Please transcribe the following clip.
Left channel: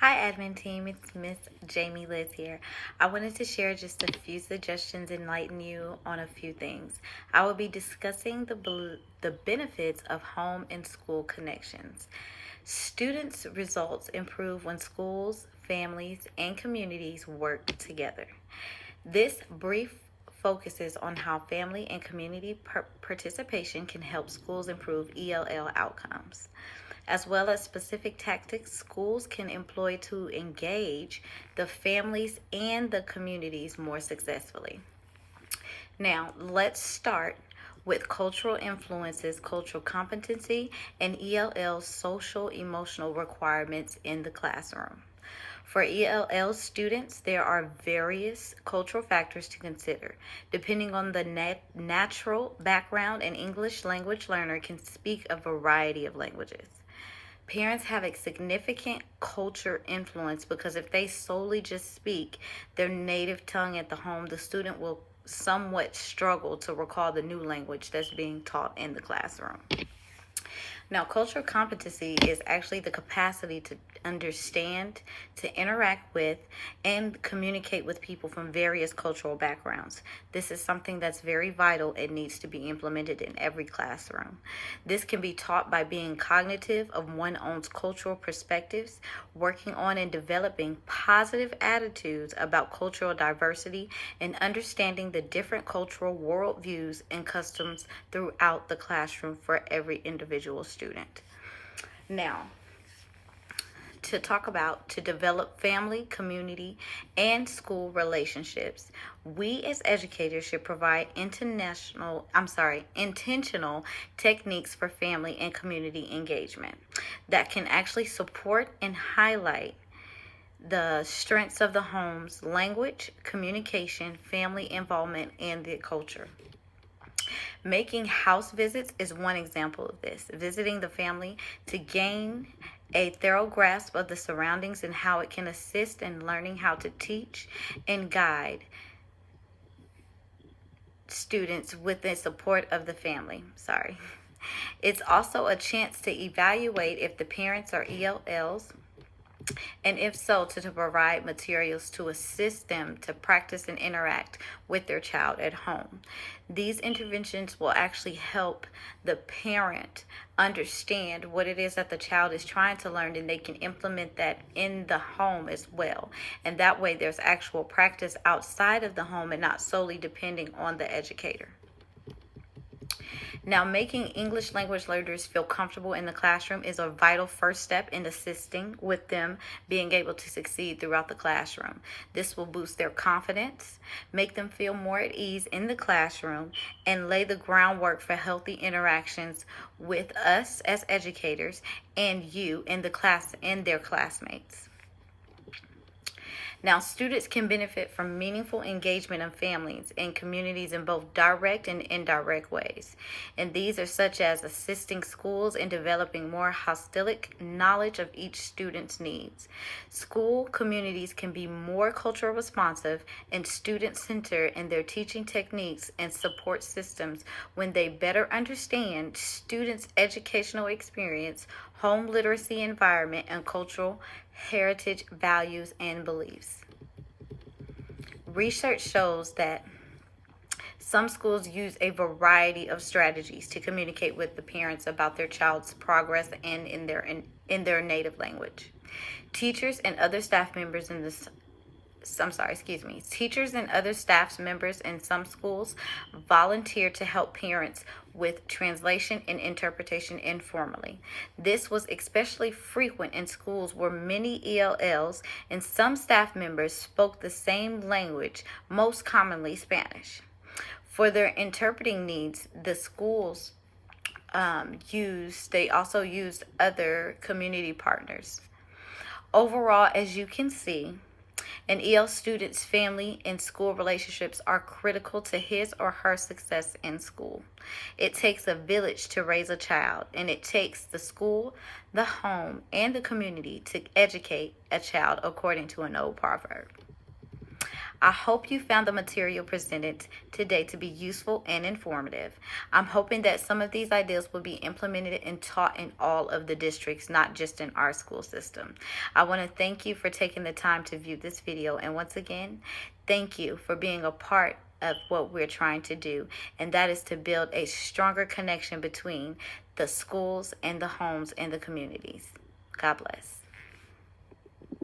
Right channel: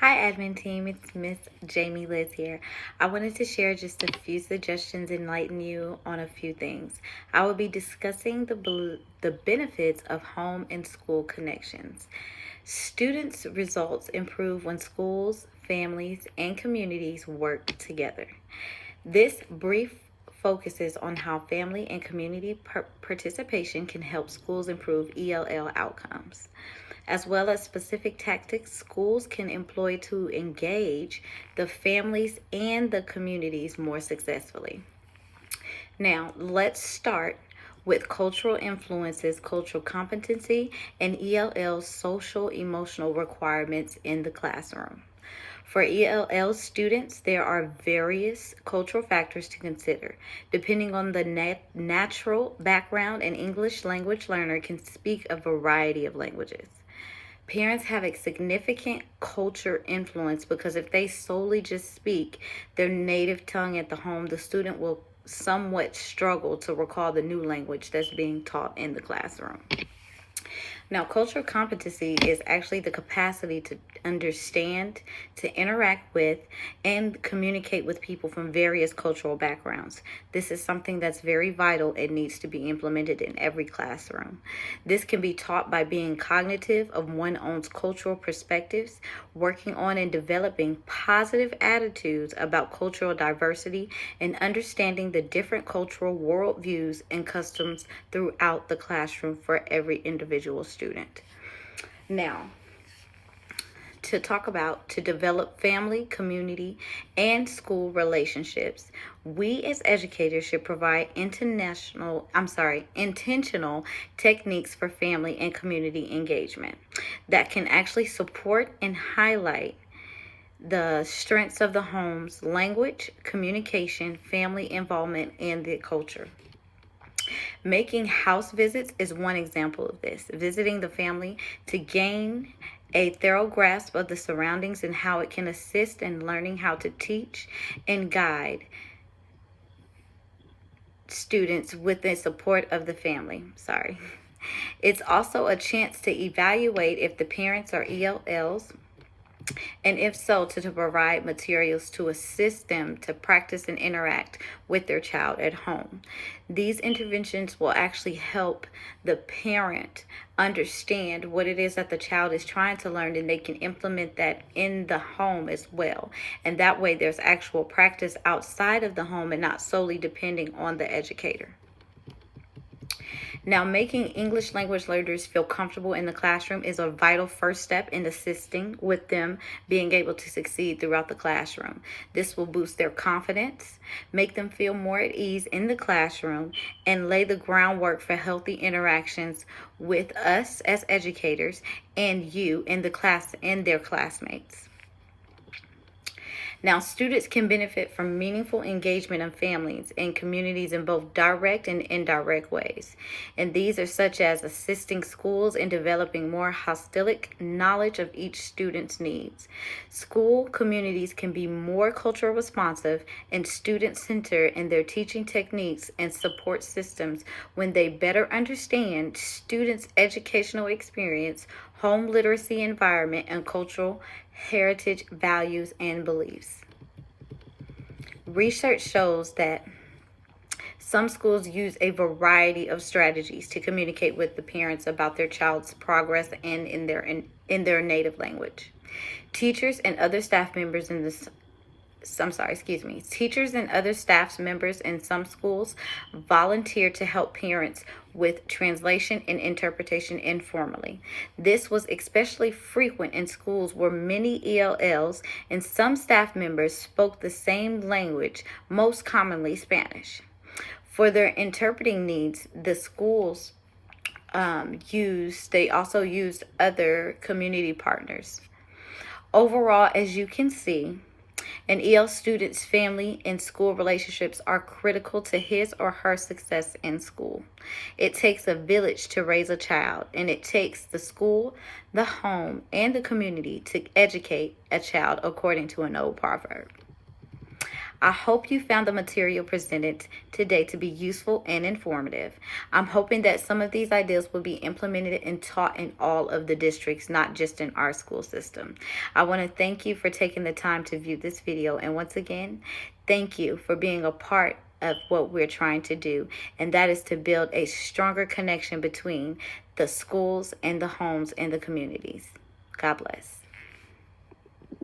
Hi, admin team. It's Miss Jamie Liz here. I wanted to share just a few suggestions, enlighten you on a few things. I will be discussing the benefits of home and school connections. Students' results improve when schools, families, and communities work together. This brief focuses on how family and community participation can help schools improve ELL outcomes, as well as specific tactics schools can employ to engage the families and the communities more successfully. Now, let's start with cultural influences, cultural competency, and ELL social emotional requirements in the classroom. For ELL students, there are various cultural factors to consider. Depending on the natural background, an English language learner can speak a variety of languages. Parents have a significant culture influence because if they solely just speak their native tongue at the home, the student will somewhat struggle to recall the new language that's being taught in the classroom. Now, cultural competency is actually the capacity to understand, to interact with, and communicate with people from various cultural backgrounds. This is something that's very vital and needs to be implemented in every classroom. This can be taught by being cognitive of one's own cultural perspectives, working on and developing positive attitudes about cultural diversity, and understanding the different cultural worldviews and customs throughout the classroom for every individual student. Now, to develop family, community, and school relationships, we as educators should provide intentional techniques for family and community engagement that can actually support and highlight the strengths of the home's language, communication, family involvement, and the culture. Making house visits is one example of this. Visiting the family to gain a thorough grasp of the surroundings and how it can assist in learning how to teach and guide students with the support of the family. It's also a chance to evaluate if the parents are ELLs, and if so, to provide materials to assist them to practice and interact with their child at home. These interventions will actually help the parent understand what it is that the child is trying to learn, and they can implement that in the home as well. And that way there's actual practice outside of the home and not solely depending on the educator. Now, making English language learners feel comfortable in the classroom is a vital first step in assisting with them being able to succeed throughout the classroom. This will boost their confidence, make them feel more at ease in the classroom, and lay the groundwork for healthy interactions with us as educators and you in the class and their classmates. Now, students can benefit from meaningful engagement in families and communities in both direct and indirect ways. And these are such as assisting schools in developing more holistic knowledge of each student's needs. School communities can be more cultural responsive and student-centered in their teaching techniques and support systems when they better understand students' educational experience, home literacy environment, and cultural heritage, values, and beliefs. Research shows that some schools use a variety of strategies to communicate with the parents about their child's progress and in their native language. Teachers and other staff members in some schools volunteer to help parents with translation and interpretation informally. This was especially frequent in schools where many ELLs and some staff members spoke the same language, most commonly Spanish. For their interpreting needs, the schools also used other community partners. Overall, as you can see, an EL student's family and school relationships are critical to his or her success in school. It takes a village to raise a child, and it takes the school, the home, and the community to educate a child, according to an old proverb. I hope you found the material presented today to be useful and informative. I'm hoping that some of these ideas will be implemented and taught in all of the districts, not just in our school system. I want to thank you for taking the time to view this video. And once again, thank you for being a part of what we're trying to do, and that is to build a stronger connection between the schools and the homes and the communities. God bless.